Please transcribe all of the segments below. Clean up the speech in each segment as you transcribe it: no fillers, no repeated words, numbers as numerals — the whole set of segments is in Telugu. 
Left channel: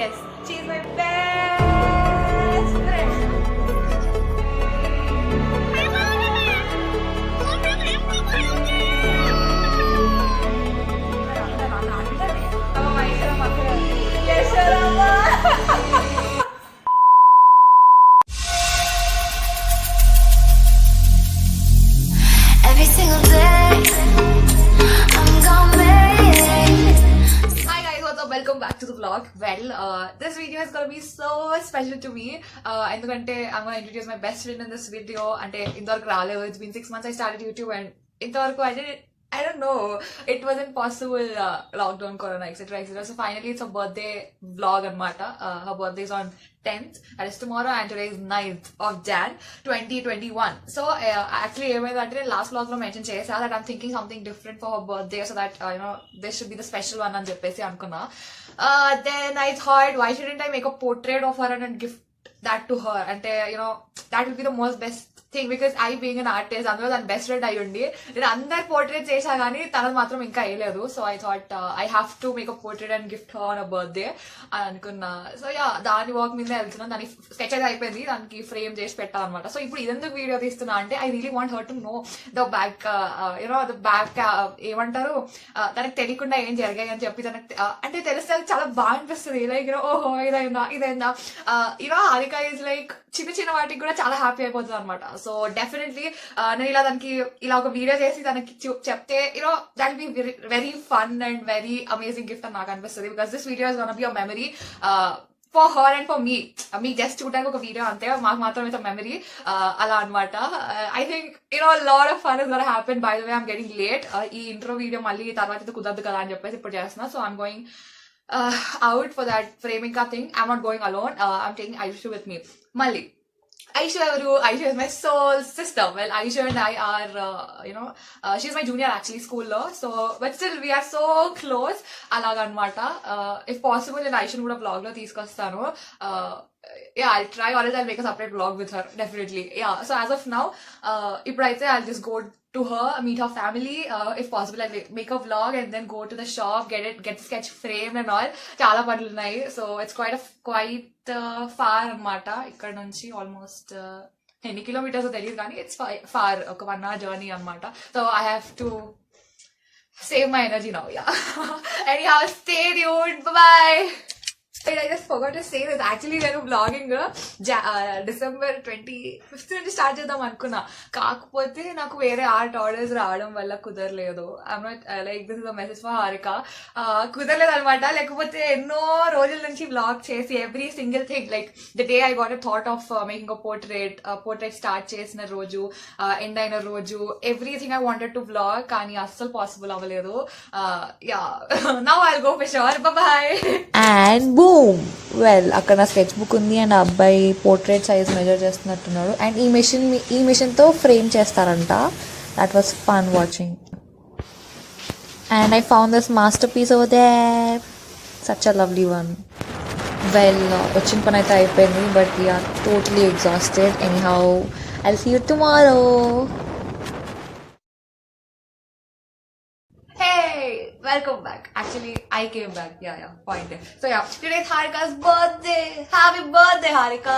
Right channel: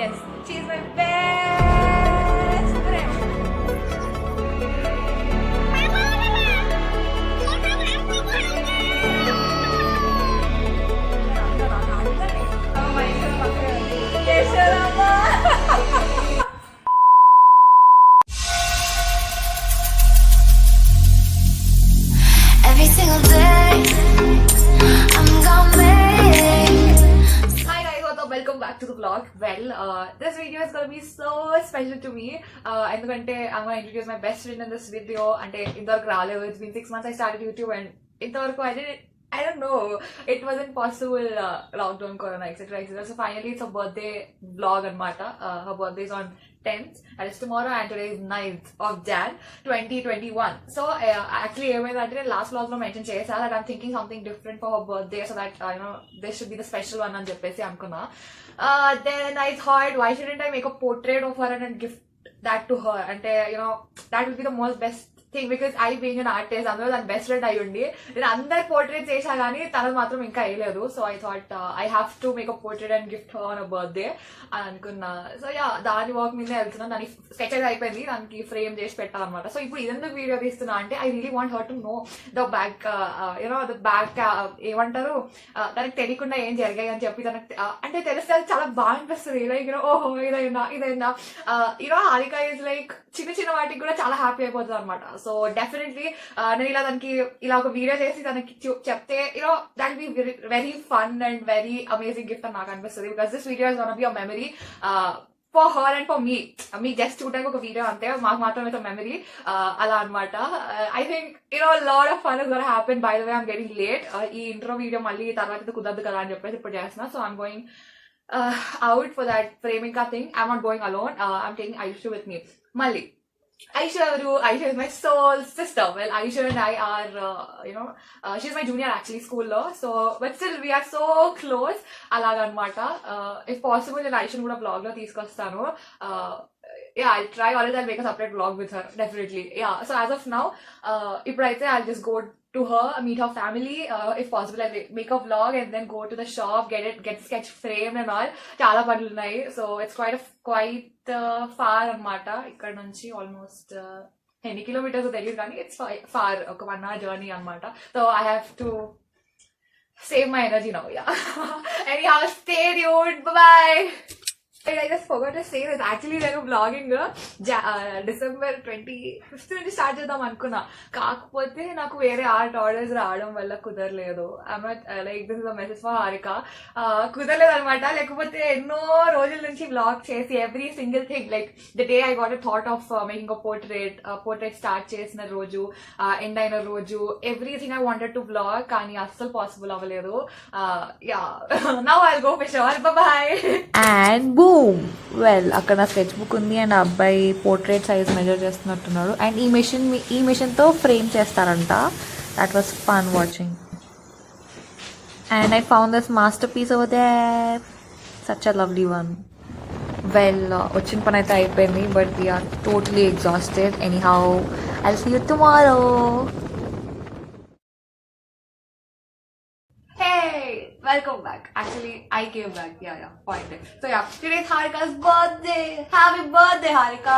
Yes, she is my best friend. Every single day, I'm gonna make it. Hi guys, what's up? Welcome back to the vlog. Well, this video is gonna be so special to me. ఎందుకంటే I'm gonna introduce my best friend in this video. అంటే ఇంతవరకు రాలేదు. It's been 6 months I started YouTube and ఇంతవరకు I don't know. It wasn't possible. Lockdown, Corona, etc. etc. So finally, it's a birthday vlog anmata. Her birthday is on 10th. That is tomorrow, and today is 9th of Jan 2021. So actually, I last vlog lo mention chesa that I'm thinking something different for her birthday, so that this should be the special one అని చెప్పేసి అనుకున్నా. Then I thought, why shouldn't I make a portrait of her and gift that to her? And that will be the most best thing, because I being an artist, అందులో దాని బెస్ట్ ఫ్రెండ్ అయ్యి ఉండి నేను అందరు పోర్ట్రేట్ చేశా కానీ తనది మాత్రం ఇంకా వేయలేదు. So I thought I have to make a portrait and gift her on a birthday అని అనుకున్నా. సో యా, దాని వర్క్ మీద వెళ్తున్నాను. దాని స్కెచ్ అయితే అయిపోయింది, దానికి ఫ్రేమ్ చేసి పెట్టాలన్నమాట. సో ఇప్పుడు ఇదెందుకు వీడియో తీస్తున్నా అంటే I really want her to know the back the back ఏమంటారు, తనకు తెలియకుండా ఏం జరిగాయి అని చెప్పి తనకు అంటే తెలిస్తే అది చాలా బాగా అనిపిస్తుంది. లైక్ ఓహో ఇదైందా హారిక ఈజ్ లైక్ చిన్న చిన్న వాటికి కూడా చాలా హ్యాపీ అయిపోతుంది అనమాట. సో డెఫినెట్లీ నేను దానికి ఇలా ఒక వీడియో చేసి తనకి చెప్తే that be very fun and very amazing gift అని నాకు అనిపిస్తుంది. Because this video is gonna be a memory for her and for me just చూడడానికి ఒక వీడియో అంతే, మాకు మాత్రం అయితే మెమరీ అలా అనమాట. I think lot of fun is gonna happen. By the way I'm getting late. ఈ ఇంట్రో వీడియో మళ్ళీ తర్వాత కుదరదు కదా అని చెప్పేసి ఇప్పుడు చేస్తున్నా. So I'm going out for that framing ka thing. I'm not going alone. I'm taking Aisha with me. Malli. Aisha is my soul sister. Well, Aisha and I are, she's my junior actually, school law. So, but still we are so close. Alaga anmata. If possible, then Aisha would have vlog lo teeskostanu. Yeah, I'll try, or else I'll make a separate vlog with her, definitely. Yeah, so as of now, ipudaithe I'll just go to her, meet her family. If possible, I'll make a vlog and then go to the shop, get the sketch framed and all. Chala panlu unnai. So it's quite far anmata. Ikkada nunchi almost ఎన్ని కిలోమీటర్స్ తెలియదు కానీ ఇట్స్ ఫార్, ఒక 1 hour జర్నీ అనమాట. So I have to save my energy now. Yeah. Anyhow, stay tuned. Bye. I just forgot to say that actually నేను vlogging December 25th నుంచి స్టార్ట్ చేద్దాం అనుకున్నా. కాకపోతే నాకు వేరే ఆర్ట్ ఆర్డర్స్ రావడం వల్ల కుదరలేదు. I'm not like this is a message for Harika. కుదరలేదు అనమాట. లేకపోతే ఎన్నో రోజుల నుంచి వ్లాగ్ చేసి every single thing, like the day I got a thought of making a portrait start చేసిన రోజు, ఎండ్ అయిన రోజు, everything I wanted to vlog, కానీ అస్సలు పాసిబుల్ అవ్వలేదు. Yeah, now I'll go for sure. Bye. And boom, well అక్కడ నా స్కెచ్ బుక్ ఉంది అండ్ ఆ అబ్బాయి పోర్ట్రేట్ సైజ్ మెజర్ చేస్తున్నట్టున్నాడు. అండ్ ఈ మెషిన్తో ఫ్రేమ్ చేస్తారంట. That was fun watching. And I found this masterpiece over there, such a lovely one. Well వచ్చిన పని అయితే అయిపోయింది, but we're totally exhausted. Anyhow I'll see you tomorrow. Welcome back. Actually, I came back. Yeah, point there. So yeah, today's Harika's birthday. Happy birthday, Harika.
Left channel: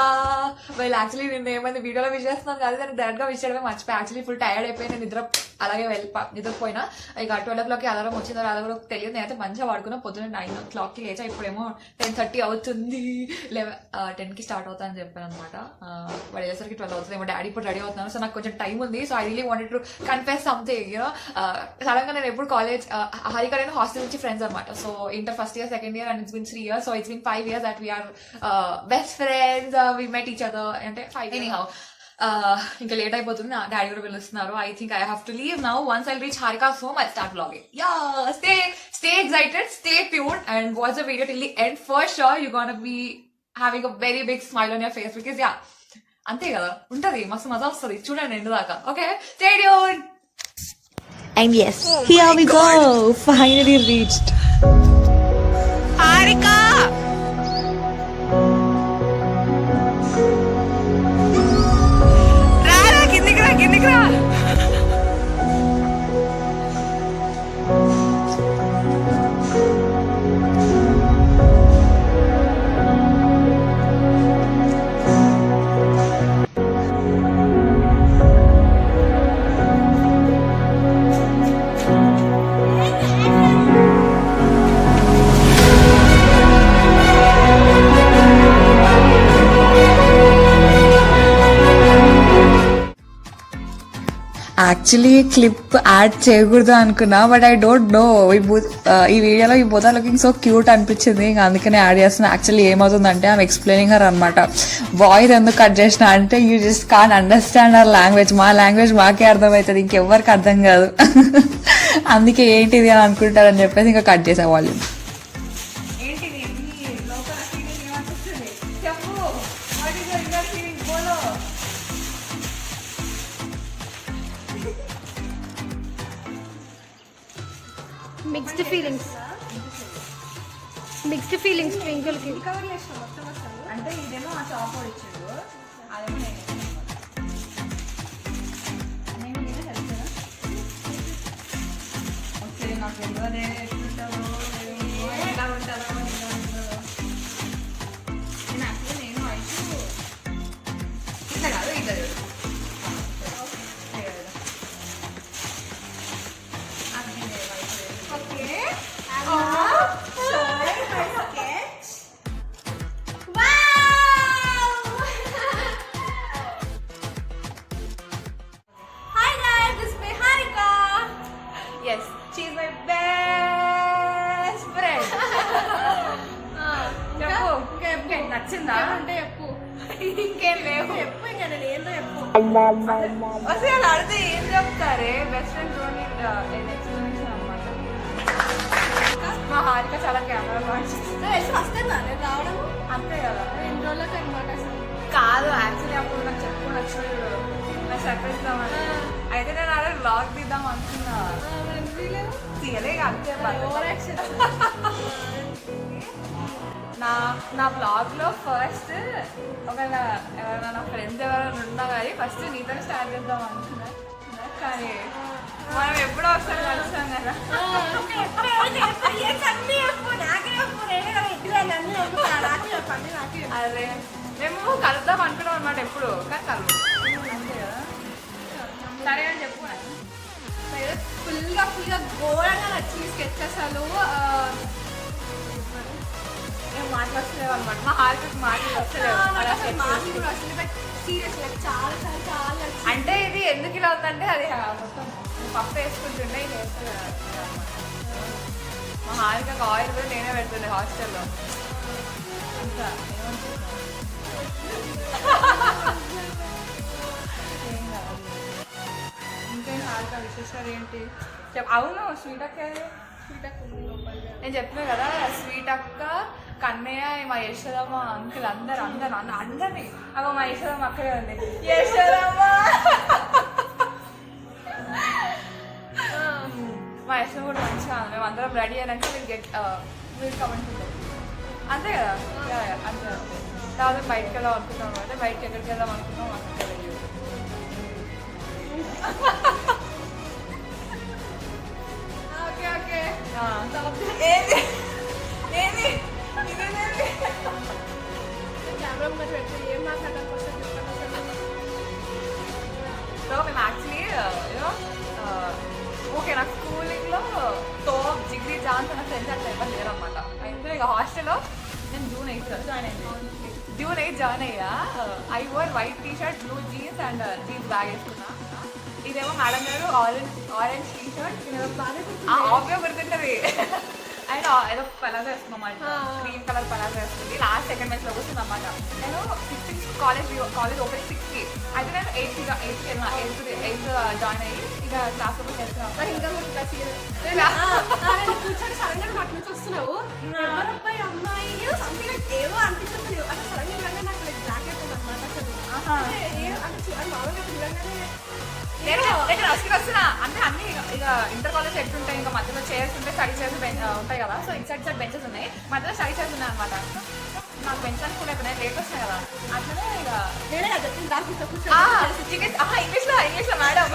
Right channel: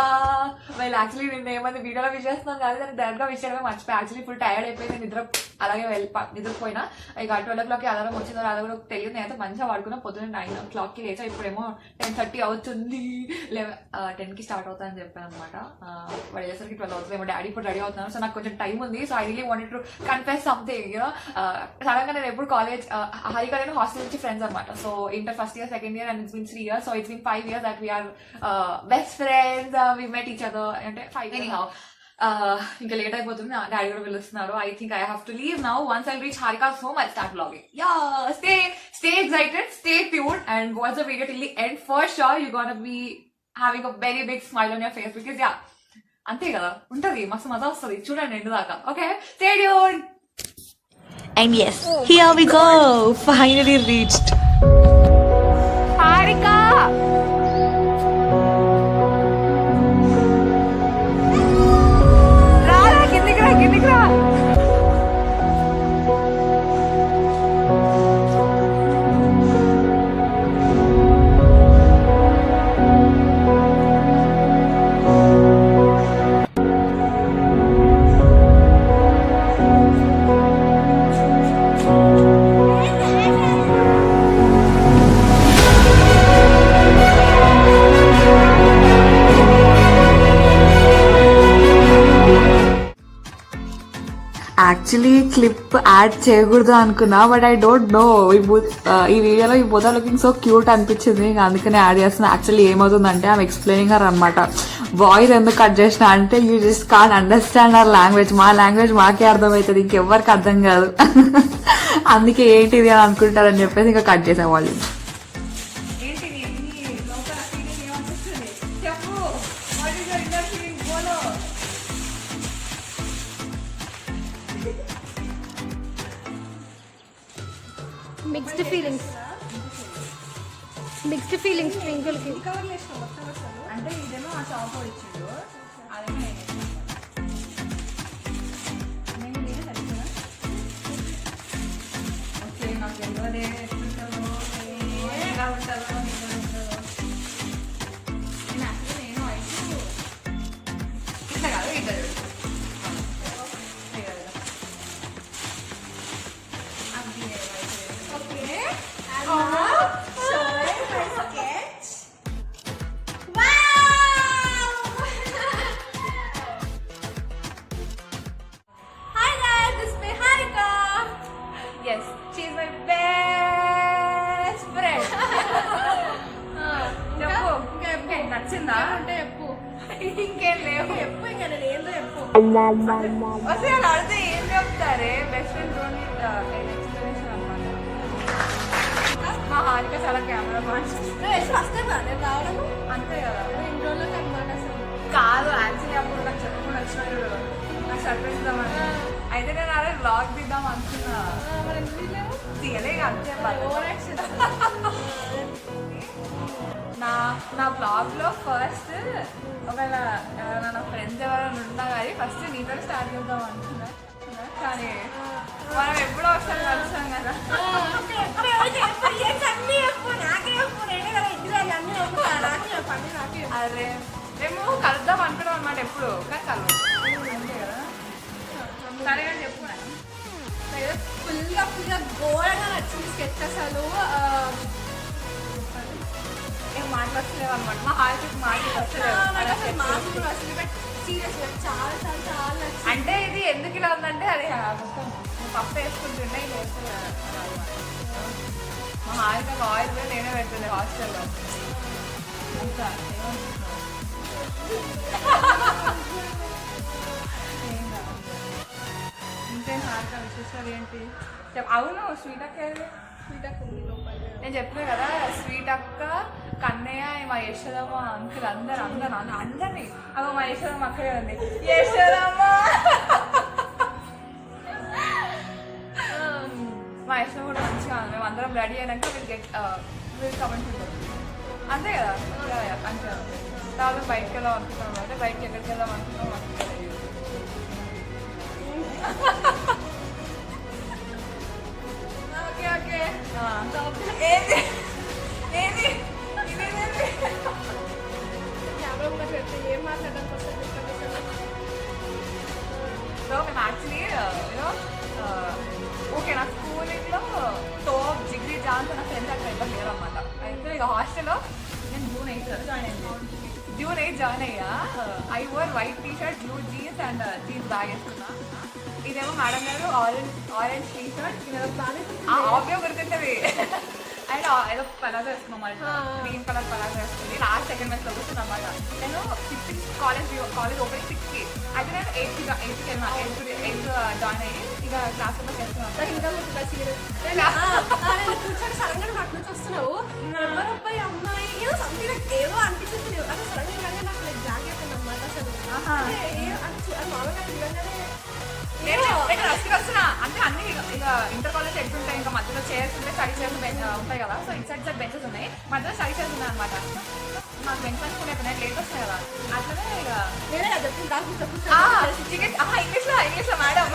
Well, actually, నేను ఏమైనా వీడియోలో విష్ చేస్తున్నాను కాదు, నేను డైరెక్ట్ గా విష్ చేయడమే మర్చిపోయి యాక్చువల్లీ ఫుల్ టైర్డ్ అయిపోయి నేను అలాగే నిద్రపోయినా. ఇక 12 o'clock అలారం వచ్చిందో రాదో కూడా తెలియదు. నేనైతే మంచిగా వాడుకున్నా. పొద్దున్న 9 o'clock లేచా. ఇప్పుడేమో 10:30 అవుతుంది. 10 కి స్టార్ట్ అవుతా అని చెప్పాను అనమాట. వాడు అయ్యేసరికి 12 అవుతుంది. ఏమో డాడీ ఇప్పుడు రెడీ అవుతున్నాను. సో నాకు కొంచెం టైం ఉంది. So I really wanted to confess something. Sudden గా నేను ఎప్పుడు కాలేజ్ హారిక నేను హాస్టల్ నుంచి ఫ్రెండ్స్ అనమాట. So inter first year, second year, and it's been 3 years. So it's been 5 years that we are best friends. We met each other అంటే 5 anyhow. ఇంకా లేట్ అయిపోతుంది. డాడీ కూడా పిలుస్తున్నారు. I think I have to leave now. Once I reach Harika's home I start vlogging. Yeah, stay excited, stay tuned and watch the video till the end. For sure you're gonna be having a very big smile on your face, because yeah, అంతే కదా ఉంటది, మస్తు మజా వస్తుంది. చూడండి ఎండ్ దాకా. Okay, stay tuned. And yes, here we go. Finally reached. Harika! Rara, కిందికి రా. యాక్చువల్లీ క్లిప్ యాడ్ చేయకూడదు అనుకున్నా, బట్ ఐ డోంట్ నో ఈ వీడియోలో ఈ both are looking so cute అనిపించింది, ఇంకా అందుకనే యాడ్ చేస్తున్నా. యాక్చువల్లీ ఏమవుతుందంటే ఆమె ఎక్స్ప్లెయినింగ్ హర్ అనమాట, వాయిస్ ఎందుకు కట్ చేసిన అంటే you just can't understand our language, మా లాంగ్వేజ్ మాకే అర్థమవుతుంది, ఇంకెవ్వరికి అర్థం కాదు. అందుకే ఏంటిది అని అనుకుంటారని చెప్పేసి ఇంకా కట్ చేసేవాళ్ళు. మిక్స్డ్ ఫీలింగ్స్ ట్వింకిల్ కి. అంటే ఇదేమో ఆ షాప్ వాడు ఇచ్చిండు, అదేమో నేను నేనే సరిగ్గా ఓకే. నాకు తెలియదే ఎట్లుంటుందో ఎలా ఉంటుందో ఎలా ఉంటుందో. నేను యాక్చువల్లీ నేను అయితే ఇట్లా కాదు ఇట్లా yes, she is my best friend. చెప్పు నచ్చిందా అంటే చెప్పు, ఇంకేం లేవు. చెప్పు ఇంకా నేను ఏందో చెప్పు. అసలు అడితే ఏం చెప్తారే, బెస్ట్ ఫ్రెండ్ డోంట్ ఎక్స్ప్లెనేషన్ అనమాట. మా హారిక చాలా కెమెరా కాన్షియస్. వస్తుందా నేను రావడం? అంతే కదా, 2 రోజులకు అనమాట. అసలు కాదు యాక్చువల్లీ అప్పుడు నాకు చెప్పుకొని వచ్చిన చూడు, నాకు సర్ప్రైజ్ ఇద్దామని. అయితే నేను అదే వ్లాగ్ తీద్దాం అనుకున్నా, మరి ఎందుకు తీయలేవు? తీయలే అంతే. Over action. నా బ్లాగ్ లో ఫస్ట్ ఒకవేళ ఎవరైనా నా ఫ్రెండ్స్ ఎవరైనా ఉన్నా కానీ ఫస్ట్ నీతో స్టార్ట్ చేద్దాం అనుకున్నా, కానీ మనం ఎప్పుడో ఒకసారి కలుస్తాం కదా. అదే మేము కలుద్దాం అనుకున్నాం అనమాట ఎప్పుడు, కానీ కలవు అంతే కదా. సరే అని చెప్పు. ఫుల్గా ఘోరంగా నచ్చింది స్కెచ్. అసలు ఏం మాట్లాడలేవు అనమాట, మా హాల్కి మాట్లాడలేదు. సీరియస్గా చాలా చాలా చాలా నచ్చింది. అంటే ఇది ఎందుకు ఇలా ఉందంటే అది మొత్తం పప్పు వేసుకుంటుండే ఇది వేస్తే అనమాట. మా హాల్కి ఆయిల్ కూడా నేనే పెడుతుండే హాస్టల్లో. అంతా ఏమనుకుంటున్నావు? ఏం కాదు. ఇంకేం హాల్గా విశేషాలు ఏంటి? అవును, స్వీట్ అక్క స్వీట్ అక్క ఉంది లోపల. నేను చెప్పినా కదా, స్వీట్ అక్క, కన్నయ్య, మా యశోదమ్మ అంకుల్ అందరినీ అగో మా యశోదమ్మ అక్కడే ఉంది. యశోదమ్మ మా యశోదమ్మ కూడా మంచిగా ఉంది. మేము అందరం రెడీ అయినాక వీళ్ళు కమెంట్స్ ఉంటారు అంతే కదా. అంతే తర్వాత బయటకు వెళ్దాం అనుకుంటాం అంటే బయటకి ఎక్కడికి వెళ్దాం అనుకుంటాం అక్కడ తెలియదు. Okay okay. కెమెరా ముందు పెట్టి ఏం మాట్లాడడానికి వస్తుంది చెప్పండి అసలు. సో మేము యాక్చువల్లీ ఓకే, నా స్కూలింగ్లో టోప్ జిగ్రీ జాన్స్ నా ఫ్రెండ్స్ అట్లా ఎవరు లేరు అనమాట. అయితే ఇక హాస్టల్లో నేను June 8 జాయిన్ అయ్యా. I were white T shirt, blue jeans and jeans bag వేసుకున్నా. ఇదేమో మేడం గారు ఆరెంజ్ టీ షర్ట్, ఆబ్వియో గుర్తుంటుంది. అండ్ ఏదో పలాజో వేసుకున్నాం, గ్రీన్ కలర్ పలాజో వేసుకుంది. లాస్ట్ సెకండ్ బెంచ్ లో కూర్చుంది అనమాట. నేను 6 కాలేజ్ ఓపెనింగ్ 6కి. అయితే నేను 8కి వెళ్ళినా, 8 జాయిన్ అయ్యి ఇక క్లాస్ రూమ్కి వెళ్తున్నాను. ఇంకా కూర్చొని సడన్ గా నాకు నుంచి వస్తున్నావు, అబ్బాయి అమ్మాయి ఏదో సంథింగ్ ఏదో అనిపిస్తుంది. అసలు సడన్ గా నాకు లైక్ బ్లాక్ అయిపోయింది అనమాట. అసలు మామూలుగా చూడంగానే నేను ఫస్ట్కి వస్తున్నా అంటే అన్ని ఇక ఇంటర్ కాలేజ్ ఎట్లుంటాయి, ఇంకా మధ్యలో చైర్స్ ఉంటాయి, స్టడీ చైర్స్ ఉంటాయి కదా. సో ఇటు సైడ్ బెంచెస్ ఉన్నాయి, మధ్యలో స్టడీ చైర్స్ ఉన్నాయి అనమాట. నాకు బెంచ్ అని కూడా లేట్ వస్తున్నాయి కదా, అట్లనే ఇక ఇంగ్లీష్లో మేడం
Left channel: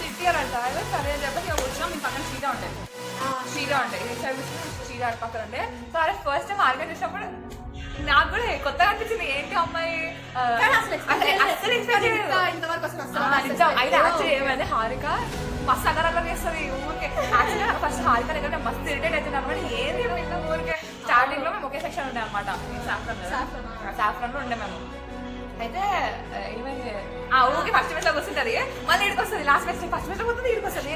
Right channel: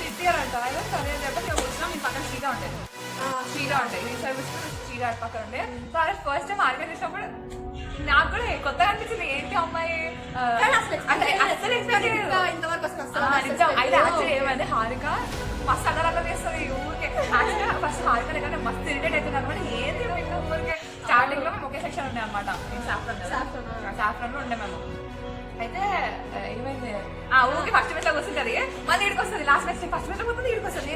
సిట్టియర్ అంట. సరే అని చెప్పేసి ఇక కూర్చున్నాం. మీ పక్కన సీదా ఉంటాయి ఈ సైడ్ సీదా పక్కన ఉండే. సో అదే ఫస్ట్ టైం ఆర్గనైజ్ చేసినప్పుడు నాకు కూడా కొత్తగా అనిపించింది, ఏంటి అమ్మాయి అయితే ఏమైంది హారిక మస్తు అగరల్లా చేస్తుంది ఊరికే. యాక్చువల్గా ఫస్ట్ హారిక దగ్గర మస్తు ఇరిటేట్ అవుతుంది అనమాట. ఏది ఊరికే స్టార్టింగ్ లో మేము ఒకే సెక్షన్ ఉండే అనమాట. సాఫ్రన్ లో ఉండే మేము. అయితే ఏమైంది ఊరికి ఫస్ట్ బెంచ్ లో కూర్చుంటది, మళ్ళీ ఇడికి వస్తుంది లాస్ట్ బెంచ్ ఫస్ట్ బెంచ్ లో పోతుంది, ఇడికి వస్తుంది.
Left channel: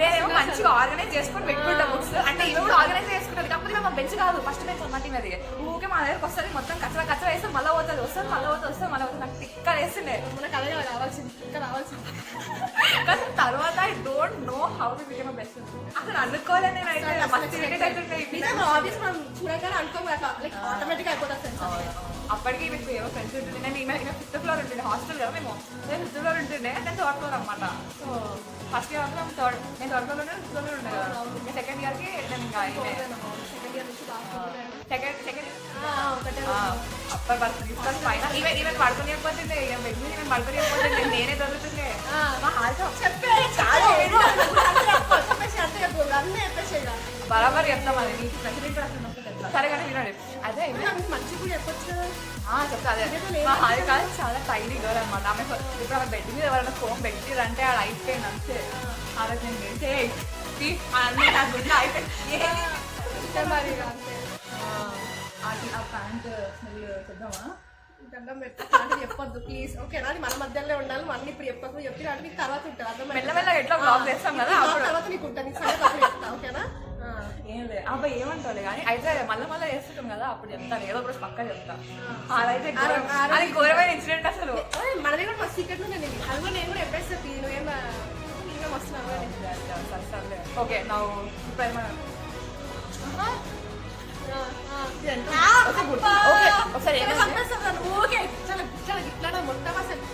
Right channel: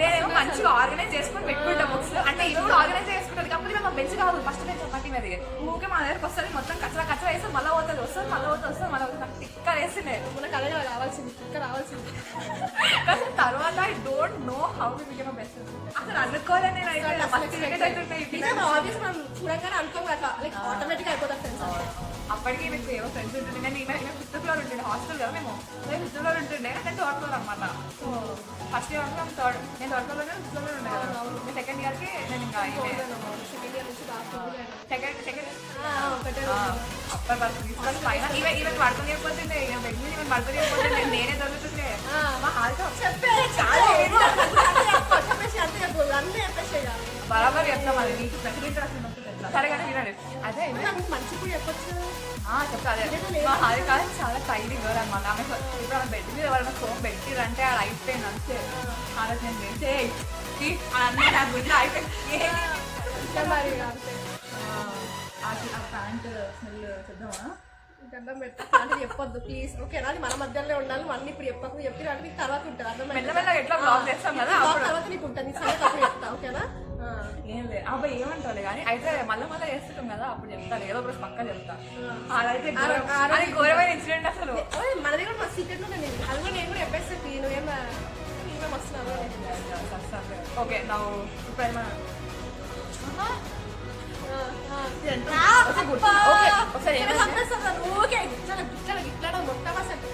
నేనేమో మంచిగా ఆర్గనైజ్ చేసుకొని పెట్టుకుంటా బుక్స్, అంటే ఇవి కూడా ఆర్గనైజ్ చేసుకుంటారు. కాకపోతే మా బెంచ్ కాదు, ఫస్ట్ బెంచ్ అన్నమాట. అది ఊకే మా దగ్గరకు వస్తుంది, మొత్తం కచ్చరా వేస్తే మళ్ళీ పోతుంది, వస్తుంది మళ్ళీ పోతుంది నాకు టిక్క వేస్తుండే. మనకు అదే రావాల్సింది, ఇక్కడ రావాల్సింది. కానీ తర్వాత I don't know how we become best friends. అసలు అనుకోలే నేను అయితే ఫస్ట్ ఆబ్వియస్ మనం చూడగానే అనుకోం కదా, లైక్ ఆటోమేటిక్ అయిపోతాం ఫ్రెండ్స్. అప్పటికి మీకు ఏవో ఫ్రెండ్స్ ఉంటుండే. నేను ఫిఫ్త్ ఫ్లోర్ ఉంటుండే హాస్టల్ కదా, నేను ఫిఫ్త్ ఫ్లోర్ ఉంటుండే, నేను థర్డ్ ఫ్లోర్ అనమాట. సో ఫస్ట్ ఇయర్ నేను థర్డ్ ఫ్లోర్ లోనే ఫిఫ్త్ ఫ్లోర్ ఉండే కదా. సెకండ్ ఇయర్ కి నేను ఇంకా సెకండ్ ఇయర్ నుంచి బాగా సెకండ్ ఒకటే అప్పర్ బస్ పైన ఈవెన్ పడుకునేకపోతుండే, ఇక బెడ్ మీద ఈవెన్ పడుకునేకపోతుండే, నేనే చదువుతుండే. మా హారిక చెప్పేసి అంతే చెప్పు, అన్నీ చెప్పేసి బరాబర్ చెప్తాం. అది నీకు ప్రెసిడెంట్ రాసినప్పుడు తెలుసా? సరే కానీ వినండి. అదే మంచి కూడా చెప్పొచ్చు. చెప్తా. అదే మా హారిక చాలా టైలీ గర్ల్ అనమాట. ఆమె ఇప్పుడు ఆమె బెడ్ మీద ఎవరైనా ఫోన్ పెట్టిరంటే అది అయిపోయింది అంతే. ఆ రోజు నేను వెళ్తే అన్నీ నా గుడ్లో అయిపోయింది. మరి అంతే. ఆ ప్యాంట్ స్మెల్ చేద్దామా? దండం పెడతా అంటే చెప్పొద్దు ప్లీజ్, ఓకేనా? అది మన మధ్యలో ఉండాలి. అన్ని ఇప్పుడు చెప్పకు, చెప్పిన నీకు తర్వాత ఉంటుంది. అర్థమైంది? మెల్లమెల్ల ఎట్లా బ్లాగ్ చేస్తాం కదా, అప్పుడు తర్వాత నీకు ఉంటుంది, నీకు సంగతి చెప్తా, ఓకేనా? ఏం లేదు అబ్బాయి ఏమంటావులే కానీ అయితే మళ్ళీ చేస్తుంటాం కదా, అప్పుడు చెప్తాను. ఏదో ఒకటి పక్కా చెప్తా. అదైతే అది ఘోరమైన ఇన్సిడెంట్ అసలు. మనది కూడా మస్తు సీక్రెట్ ఉంది. అది కూడా నేను కూడా చెప్పేస్తే నువ్వేం వస్తున్నావు. ఓకే నా ఇప్పుడు మొత్తం అసలు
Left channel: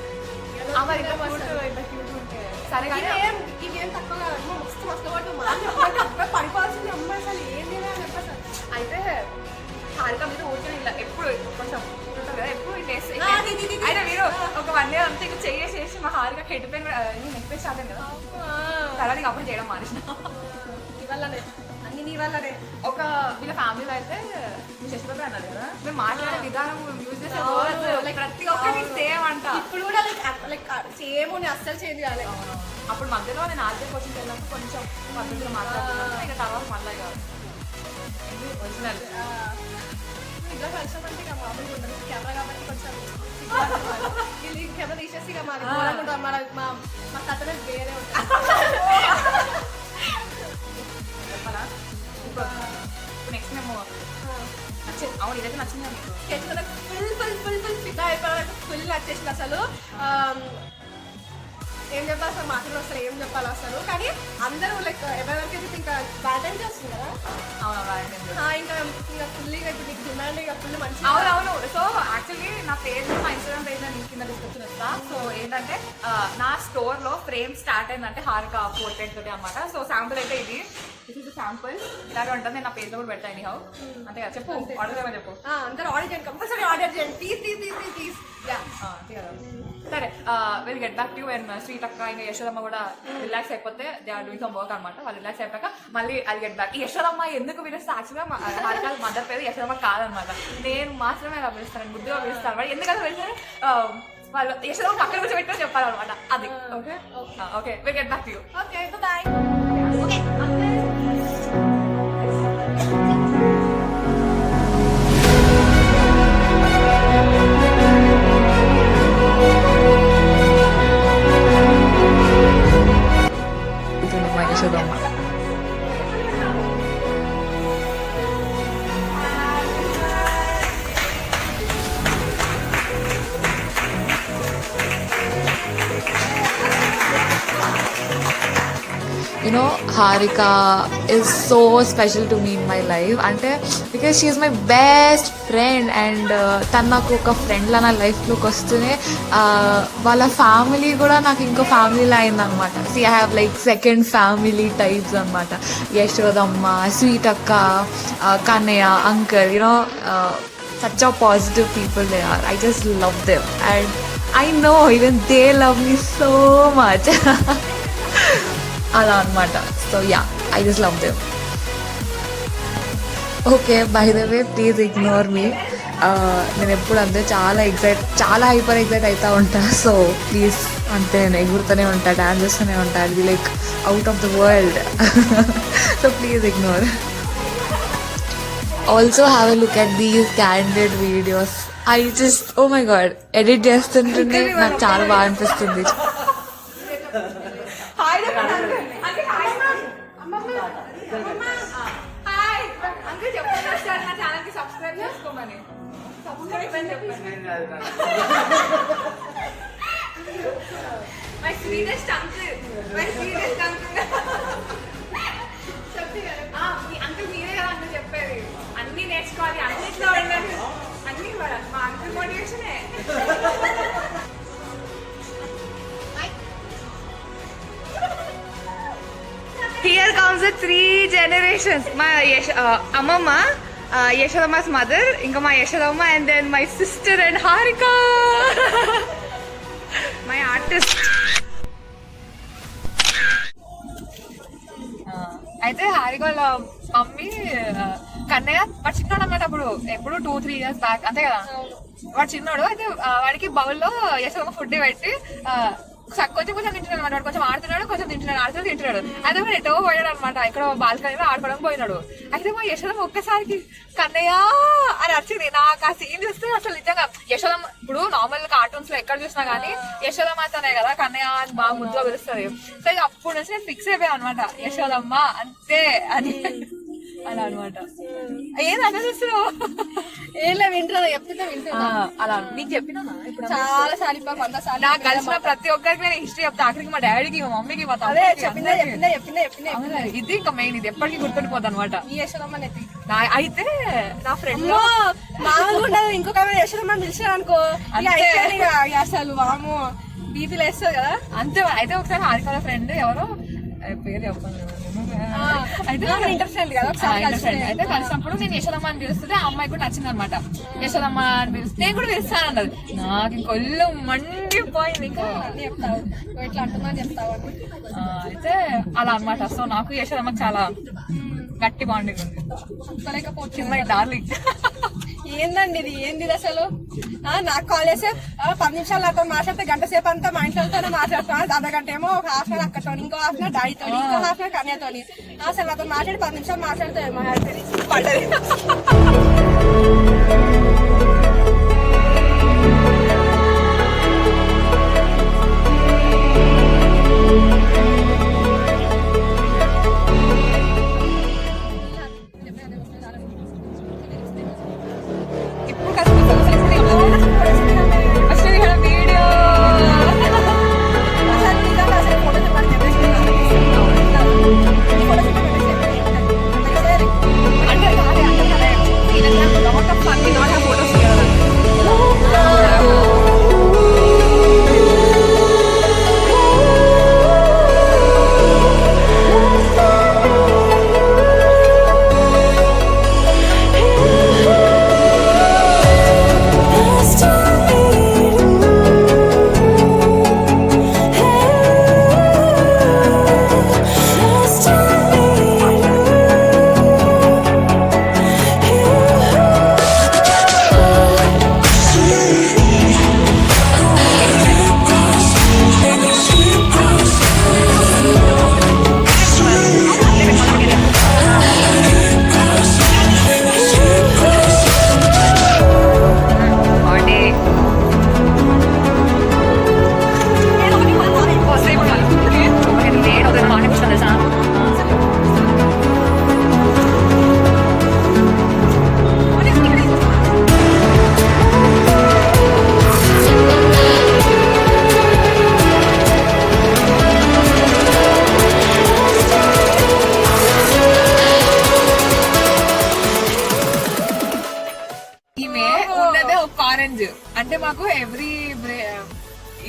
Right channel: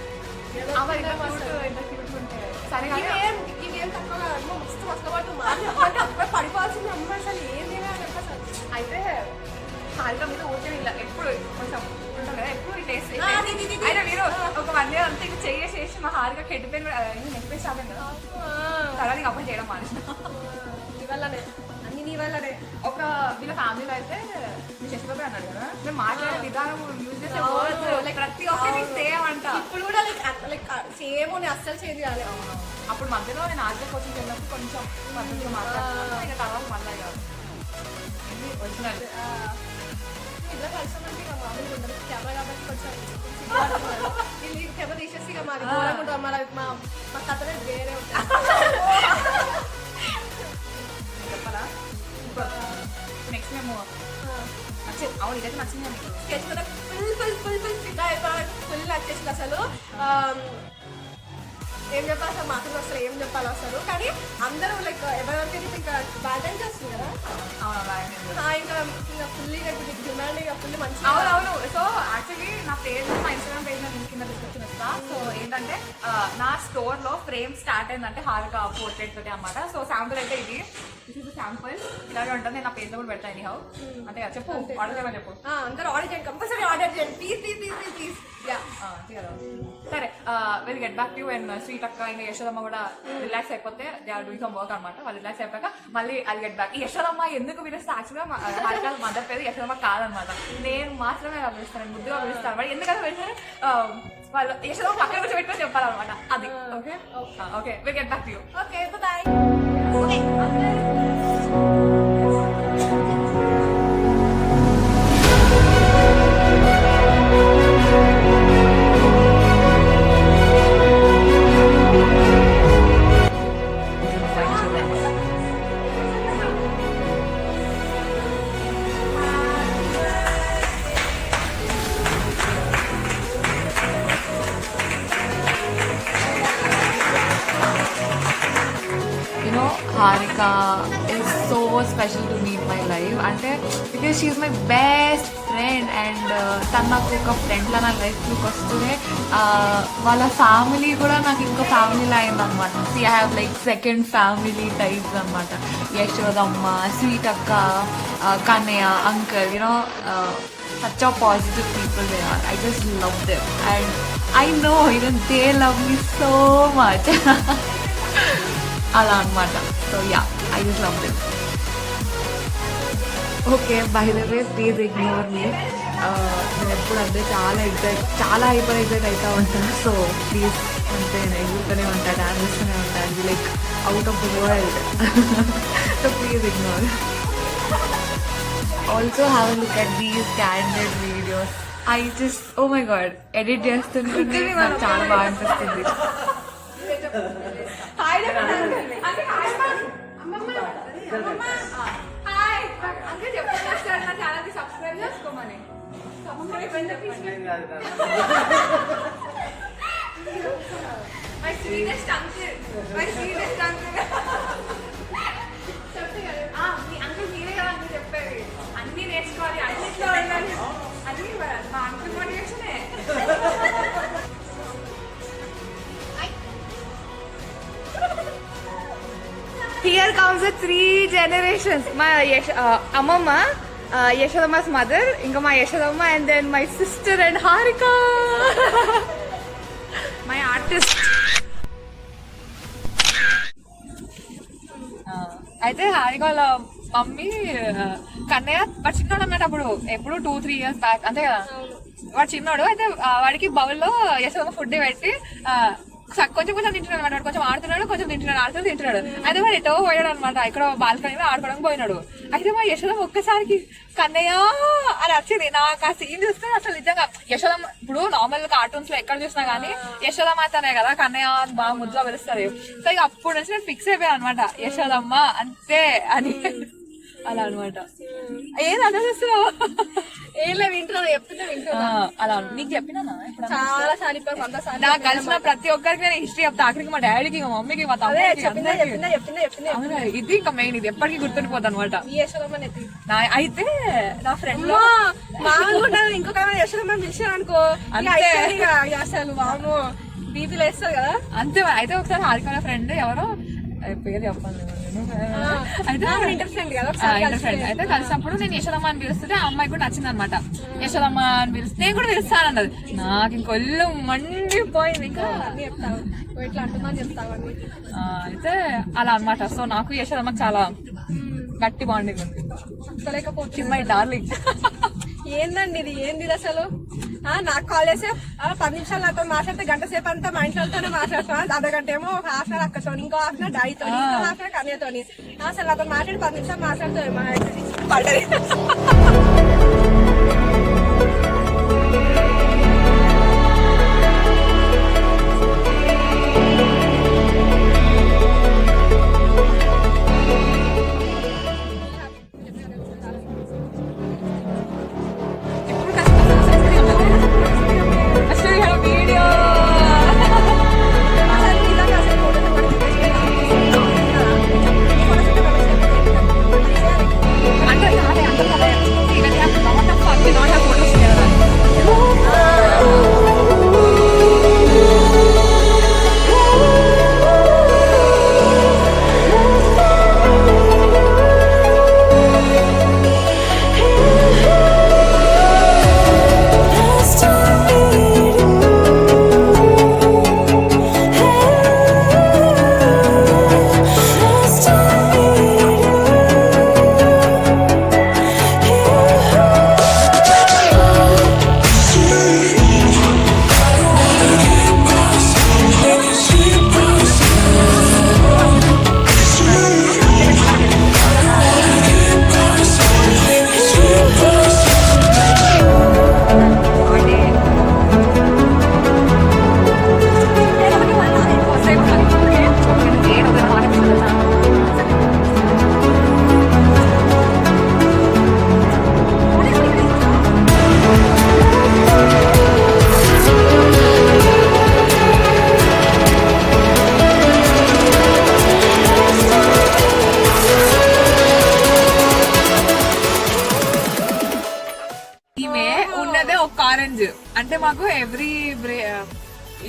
సరే కానీ ఇదేం తక్కువ మస్తు కష్టపడుతుంది, పడిపోవాల్సింది అమ్మాయి. అసలు ఏం చేయాలి అసలు. అయితే హారిక మీద ఊరికే ఎప్పుడు కొంచెం ఉంటుంది కదా, ఎప్పుడు టేస్ట్ అయితే మీరు ఒక 1 year అంతా ఇక చేసి మా హారిక హెడ్ పెయిన్ నెక్స్ట్ ఆదాను కదా, తర్వాత నీకు అప్పుడు చేయడం మానేసిన. ఇవల్లనే అన్ని నీ వల్లనే. ఒక వీళ్ళ ఫ్యామిలీలో అయితే మీ శశిబాబు అన్నారు కదా, మేము మాట్లాడే విధానం యూజ్ చేసే లైక్ ప్రతి ఒక్కరికి సేమ్ అంట. ఇప్పుడు కూడా లైక్ సేమ్ అస్సలు చేంజ్ కాలేదు. అప్పుడు మధ్యలో నేను ఆర్జే కోచింగ్కి వెళ్ళినప్పుడు కొంచెం పద్ధతిగా మాట్లాడుతున్నాను, ఇంకా తర్వాత మళ్ళీ కాదు ఒరిజినల్. ఇట్లా కలిసామంటే ఇక మామూలుగా ఉండదు, కెమెరా కాబట్టి కొంచెం కెమెరా తీసేసి ఇక మాది ఘోరంగా ఉంటుంది. మా కథనే వేరే ఉంటుంది. చెప్పాలా? ఇప్పుడు నెక్స్ట్ మేము నచ్చింది. అవును ఇదైతే నచ్చింది నీకు? స్కెచ్ కదా ఫుల్ ఫిదా అయిపోయి ఫుల్ నచ్చేసింది అసలు. ఏం చెప్పాలి అసలు, మాటలు అసలు ఏం చెప్పాలి అసలు. కానీ అందరూ లైక్ ఎవరికైతే ఇంకా వ్యాలంటైన్స్ వస్తుంది కదా, ఇంకా ఫుల్ ఇప్పుడు నీకు డిమాండ్ ఇక ఫుల్ మంచి. అవునవును. సో యాక్చువల్లీ నా పేజ్ మా ఇన్స్టాగ్రామ్ పేజ్ నేను కింద డిస్క్రిప్షన్ ఇస్తా. సో ఏంటంటే నా స్టోర్ లో ఫ్రేమ్ స్టార్ట్ అయిందంటే హారిక పోర్ట్రేట్ తోటి అనమాట. సో శాంపుల్ అయితే ఇది శాంపుల్ ఇలాగే ఉంటుంది. నేను నా పేజ్ లో కూడా పెడతాను ఎనీ హౌ. అంతే కదా, చెప్పు ఆర్డర్ చేయమని చెప్పు. అందరూ ఆర్డర్ చేయండి, కంపల్సరీ ఆర్డర్ చేయండి ప్లీజ్. అంతే కదా. సరే will get back to and sweet అక్క ఇంకా యశోదమ్మ కూడా రిలాక్స్ అయిపోతే they are doing some work అనమాట. వాళ్ళు రిలాక్స్ అయిపోయాక మళ్ళీ అది గెట్ బ్యాక్. యశోదమ్మ ఎందుకు పిలుస్తే యాక్చువల్గా హారిక మదర్ పేరు యశోదమ్మ కాదనమాట, నేను మాత్రమే అలా పిలుస్తాను, ముద్దుగా పిలుస్తాను అనమాట. ఎందుకంటే పిలిచారు వాళ్ళు యశోదమ్మ అక్కడ కూర్చో పెట్టుకొని చెప్పాలన్నమాట. అది okay okay will get back to you. Okay bye. You know, Harika is so special to me in my life. And because she is my best friend and తను నాకు ఒక ఫ్రెండ్ లా నా లైఫ్లోకి వస్తూనే వాళ్ళ ఫ్యామిలీ కూడా నాకు ఇంకో ఫ్యామిలీలా అయిందనమాట. So I have like second family types అనమాట. యశోదమ్మ, స్వీట్ అక్క, Kannayya, uncle, you know such a positive people they are. I just love them and I know even they love me so much. అలా అనమాట. So yeah, I just love them. Okay, by the way please ignore మీ. నేను ఎప్పుడు అంతే చాలా హైపర్ ఎగ్జైట్ అవుతూ ఉంటా. సో ప్లీజ్ అంతే, నేను ఎగురుతూనే ఉంటా, డాన్స్ చేస్తూనే ఉంటా. అది like out of the world. So please ignore. Also have a look at these candid videos. I just oh my God edit చేస్తుంటే నాకు చాలా బాగా అనిపిస్తుంది. అంకుల్ చెప్పండి ఒకసారి నా ఛానల్ కి సబ్స్క్రైబ్ చేసుకోమని. సబ్స్క్రైబ్ అని చెప్పండి. My sweetest uncle, my sweetest uncle. Uncle మీరే కదా అంకుల్ చెప్పేది, అన్ని నేర్చుకోవాలి, అన్నిట్లో ఉండాలి, అన్ని మా uncle మోటివేషనే. Here comes the 3 generations. My Amamma, Yashodamma's mother, inga my Yashodamma, and then my sister and Harika, my artist. అయితే హారిక వాళ్ళ మమ్మీ కన్నయ్య వాడు చిన్నోడు అన్నమాట. అప్పుడు ఎప్పుడు 2-3 years బ్యాక్ అంతే కదా. వాడు చిన్నోడు అయితే వాడికి బౌల్లో యశోదమ్మ ఫుడ్ పెట్టి కొంచెం కొంచెం తింటున్నాడు అనమాట. వాడు కొంచెం ఆడుతున్నాడు, కొంచెం తింటున్నాడు. అయితే వాడు ఎటో పోయాడు అనమాట. ఇక్కడ బాల్కనీలో ఆడుకోవడం పోయినాడు. అయితే మా యశోదమ్మ ఒక్కసారికి కన్నయ్య అని వచ్చింది. నాకు ఆ సీన్ చూస్తే అసలు నిజంగా యశోదమ్మ ఇప్పుడు నార్మల్ కార్టూన్స్ లో ఎక్కడ చూసినా గానీ యశోదమ్మ అతనే కదా కన్నయ్య అని బాగా ముద్దుగా పిలుస్తుంది. సో ఇక అప్పుడు నుంచి నేను ఫిక్స్ అయిపోయాను అనమాట, యశోదమ్మ అంతే అని. అలా అనమాట. ఏది అదే ఏం వింటున్నా చెప్తున్నా వింటున్నా. అలా నీకు చెప్పినా ఇప్పుడు చాలా సార్లు నాకు కలిసిన ప్రతి ఒక్కరికి నేను హిస్టరీ చెప్తా. ఆఖరికి మా డాడీకి, మా మమ్మీకి, మా చెప్పిన ఇది ఇంకా మెయిన్, ఇది ఎప్పటికీ గుర్తుండిపోద్ది అనమాట. అయితే నా ఫ్రెండ్ లో ఇంకొక యశోదమ్మ తెలిసా అనుకో అసలు వాము బీపీలు వేస్తుంది కదా అంతే. అయితే ఒకసారి హారిక ఫ్రెండ్ ఎవరో పేరు చెప్పాను అయితే కలిసినప్పుడు నేను యశోదమ్మ అని పిలుస్తుంటే ఆ అమ్మాయి కూడా నచ్చింది అనమాట. యశోదమ్మ అని పిలిస్తే నేను కూడా పిలుస్తానన్నది. నాకు ఇంకొల్లు మండిపోయింది. ఇంకా ఇట్లా అంటుందని చెప్తావు అయితే అలా అనమాట. సో నాకు యశోదమ్మ చాలా గట్టి బాండింగ్ ఉంది. చిన్న డార్లింగ్. ఏందండి ఇది, ఏంది అసలు? నాకు కాల్ చేస్తే 10 నిమిషాలు నాతో మాట్లాడితే గంట సేపు అంతా మా ఇంట్లోనే మాట్లాడుతాను. అర్ధగంట ఏమో ఒక హాఫ్ అన్ అవర్ అక్కతో, ఇంకో హాఫ్ అన్ అవర్ డాడీతో, ఇంకో హాఫ్ అన్ అవర్ కన్యతో. అసలు నాతో మాట్లాడి 10 నిమిషాలు మాట్లాడితే మా పడ్డది. అంటే మాకు ఎవ్రీ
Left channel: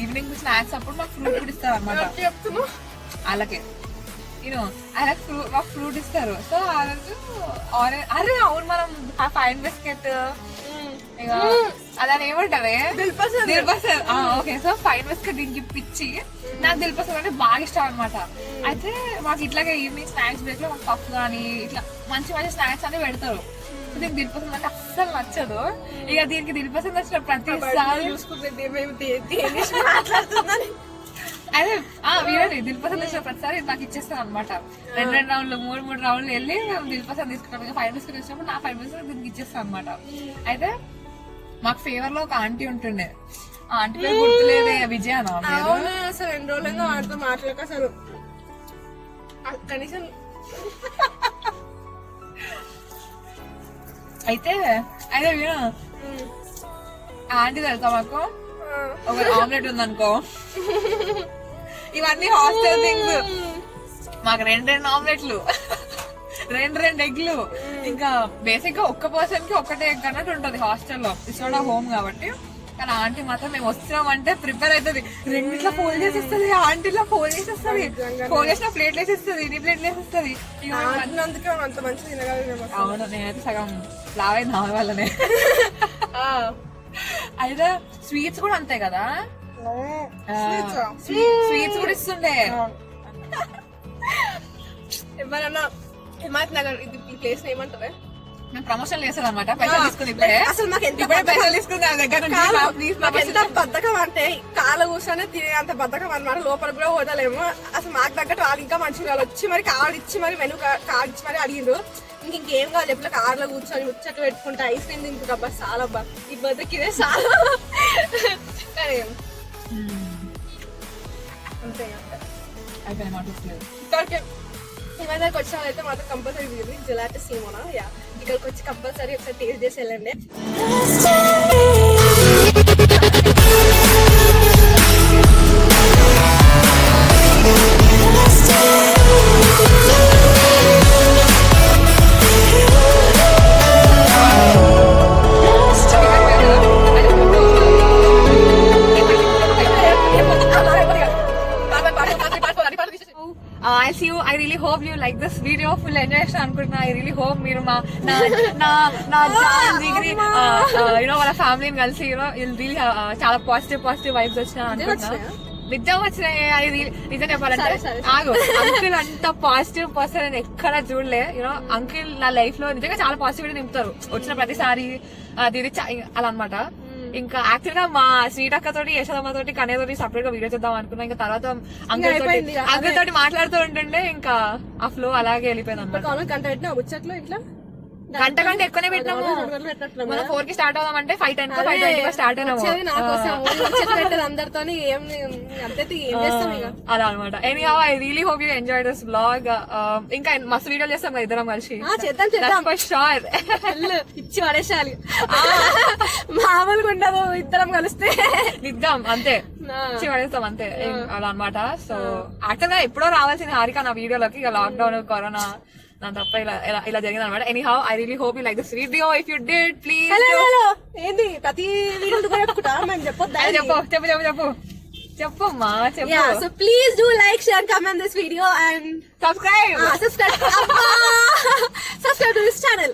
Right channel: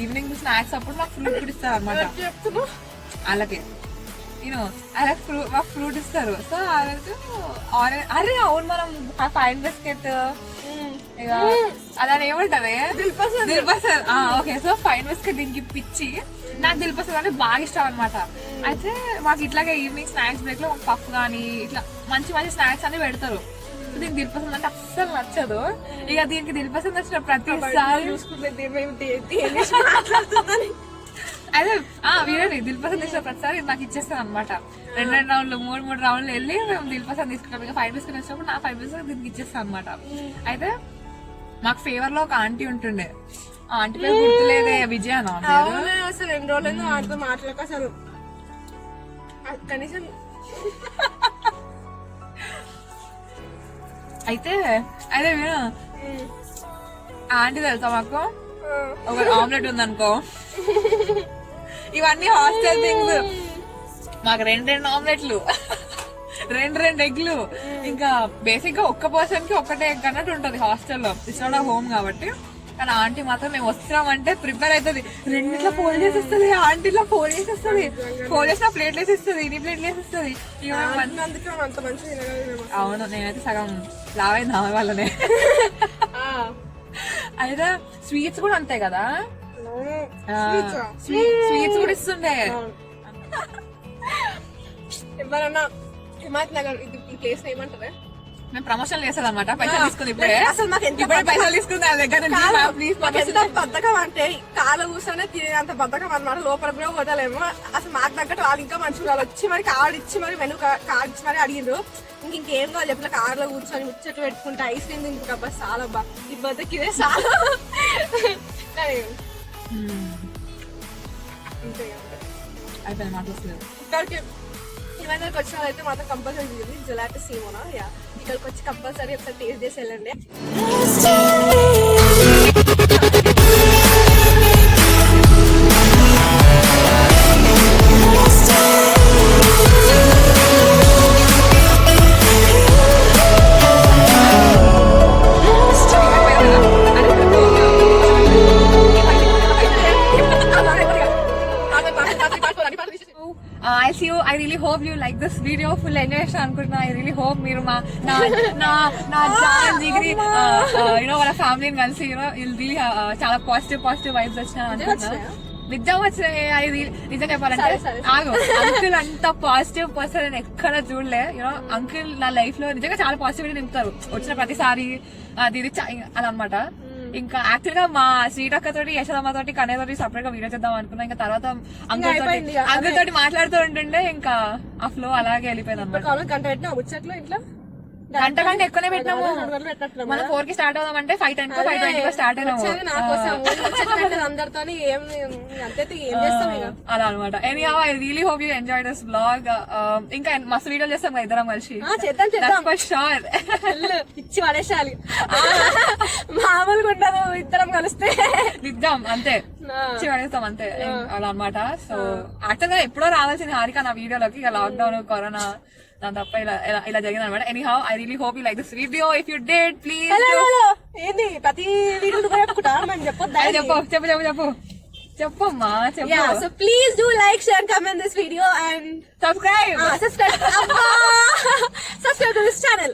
ఈవినింగ్ స్నాక్స్ అప్పుడు మాకు ఫ్రూట్ కూడా ఇస్తారు అనమాట. అలాగే అలా ఫ్రూట్ ఇస్తారు. సో ఆ రోజు అరే అవును మనం ఫైన్ బిస్కెట్ అలా ఏమంటది dilpasand. Okay, so fine biscuit దీనికి ఇప్పించి నాకు దిల్పసంద్ అంటే బాగా ఇష్టం అనమాట. అయితే మాకు ఇట్లాగే ఈవినింగ్ స్నాక్స్ బ్రేక్ లో మాకు పఫ్ గానీ ఇట్లా మంచి మంచి స్నాక్స్ అన్ని పెడతారు. దీనికి దిల్పసంద్ అంటే అస్సలు నచ్చదు. ఇక దీనికి దిల్పసంద్ వచ్చిన ప్రతిసారి చూసుకుంటే అదే వీరండి దిల్పసంద్ వచ్చిన ప్రతిసారి నాకు ఇచ్చేస్తాను అనమాట. 2 రౌండ్లు 3 రౌండ్లు వెళ్ళి మేము దిల్పసంద్ తీసుకుంటాం. ఇక 5 బిస్కెట్ వచ్చినప్పుడు నా 5 బిస్కెట్ దీనికి ఇచ్చేస్తాను అనమాట. అయితే మాకు ఫేవర్ లో ఒక ఆంటీ ఉంటుండే, ఆ ఆంటీ పేరు గుర్తులేదే, విజయ నా పేరు. అవునా, అసలు 2 రోజులైందో వాటితో మాట్లాడక అసలు కనీసం. అయితే అయితే విను, ఆంటీ తెలుసా మాకు ఒక ఆమ్లెట్ ఉందనుకో, ఇవన్నీ హాస్టల్ థింగ్స్, మాకు 2 ఆమ్లెట్లు, 2 ఎగ్లు, ఇంకా బేసిక్ గా ఒక్క పర్సన్ కి ఒక్కటే ఎగ్ అన్నట్టు ఉంటది హాస్టల్లో, ఇట్స్ నాట్ హోమ్ కాబట్టి. కానీ ఆంటీ మాత్రం మేము వస్తున్నామంటే ప్రిపేర్ అవుతుంది, 2 ఫోల్డ్ చేసేస్తుంది, ఆంటీలో ఫోల్డ్ చేసేస్తుంది, ఫోల్డ్ చేసిన ప్లేట్ వేసేస్తుంది, ఇది ప్లేట్ వేసేస్తుంది. అందుకే అంత మంచి తినగలిగిన. అవును, నేనైతే సగం లావైంది ఆమె వల్లనే. అయితే స్వీట్స్ కూడా అంతే కదా, స్వీట్స్ కూడా ఇస్తుండే. ఎవరన్నా హిమాయత్ నగర్ ఈ ప్లేస్ ఏమంటారు? మేము ప్రమోషన్ చేసేది అనమాట, పైసలు తీసుకుని ఇప్పుడే, అసలు మాకు ఎంత పైసలు తీసుకుని దాని దగ్గర ప్లీజ్ మాకు ఎంత బద్ధకం అంటే కాలు కూర్చొని తినే అంత బద్ధకం అనమాట. లోపల కూడా పోతలేము. అసలు మాకు తగ్గట్టు వాళ్ళు ఇంకా మంచిగా వాళ్ళు వచ్చి మరి కార్డు ఇచ్చి మరి మెను కార్డు ఇచ్చి మరి అడిగిండ్రు. ఇంకేం కావాలి చెప్పిన కార్లో కూర్చొని ముచ్చట్లు పెట్టుకుంటే ఐస్ క్రీమ్ తింటుంది అబ్బా, చాలా అబ్బా ఈ బద్దకి ఇదే చాలా. అంతే అయితే మాట ఇక్కడికి హిమాయత్ వచ్చిన అయితే మాత్రం కంపల్సరీ తిరిగింది జలాటి సీమోనా. యా, ఇక్కడికి వచ్చి కంపల్సరీ ఒకసారి టేస్ట్ చేసి వెళ్ళండి. I'll see you. I really hope you like this video. Full enjoy చేస్తాను అనుకుంటున్నా. I really hope మీరు మా నా జాన్ జిగిరి వాళ్ళ ఫ్యామిలీని కలిసి you'll really చాలా పాజిటివ్ వైబ్స్ వచ్చినా అనుకుంటున్నా. నిజం వచ్చినాయి. అది నిజం చెప్పాలంటే ఆగు, అంకుల్ అంత పాజిటివ్ పర్సన్ అని ఎక్కడ చూడలే. అంకుల్ నా లైఫ్ లో నిజంగా చాలా పాజిటివిటీ నింపుతారు వచ్చిన ప్రతిసారి. అది అలా అనమాట. ఇంకా యాక్చువల్ గా మా స్వీట్ అక్క తోటి, యశోదమ్మ తోటి, కనే తోటి సపరేట్ గా వీడియో చేద్దాం అనుకున్నా. ఇంకా తర్వాత అంకుల్ తోటి మాట్లాడుతూ ఉంటుండే ఇంకా ఆ ఫ్లో అలాగే వెళ్ళిపోయింది అనమాట. గంట పెట్టినా ముచ్చట్లో ఇంట్లో గంట కంటే ఎక్కువనే పెట్టినాము. మనం 4 కి స్టార్ట్ అవుదాం అంటే 5:10 5:20 స్టార్ట్ అయినాము. అందరితో ఏం చేస్తాం ఇక అలా అనమాట. Anyhow I really hope you enjoy this vlog. ఇంకా మస్తు వీడియో చేస్తాం కదా ఇద్దరం కలిసి. చేద్దాం ఫర్ షూర్. ఇచ్చి పడేసాలి, మామూలుగా ఉండదు ఇద్దరం కలిస్తే. నిద్దాం అంతే, ఇచ్చి పడేస్తాం అంతే అలా అనమాట. సో యాక్చువల్ గా ఎప్పుడో రావాల్సింది హారిక నా వీడియోలోకి, ఇక లాక్డౌన్ కరోనా దాని తప్ప ఇలా జరిగింది అనమాట. Anyhow I really hope you like this video. If you did please ఏంది ప్రతి వీడియో చెప్పుకుంటా చెప్పు చెప్పమ్మా చెప్పు. So please do like, share, comment this video and subscribe subscribe to this channel.